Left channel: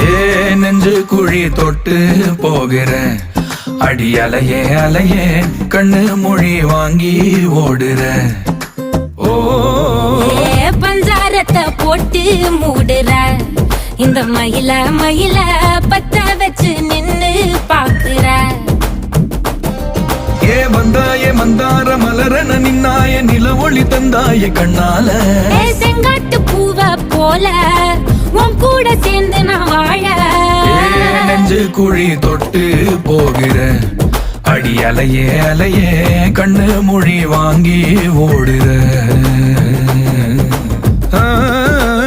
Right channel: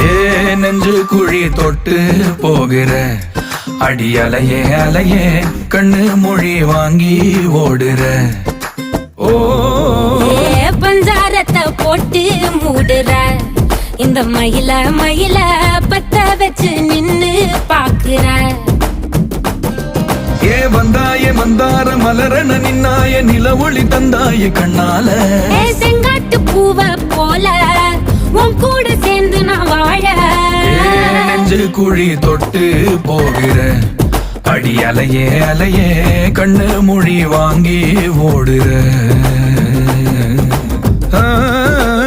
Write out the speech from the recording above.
ஏ நெஞ்சு குழி தொட்டு போகிற அடி அலையே அலையே கண்ணு மொழி வாங்கி ஓடுற. ஓ பஞ்சாரத்தை போட்டு மூடுற இந்த மயில மயில பத்த வச்சு நின்னு பாக்குற. ஏ வந்தாய மந்தார மலரன நின்னாய நில ஒளி தந்தாய கண்ணால. செங்காட்டு பூவ போல உன் கூட சேர்ந்து நான் வாழ. நெஞ்சு குழி தொட்டு போகிற அடி அலையே அலையே கண்ணு மொழி வாங்கி ஓடுற.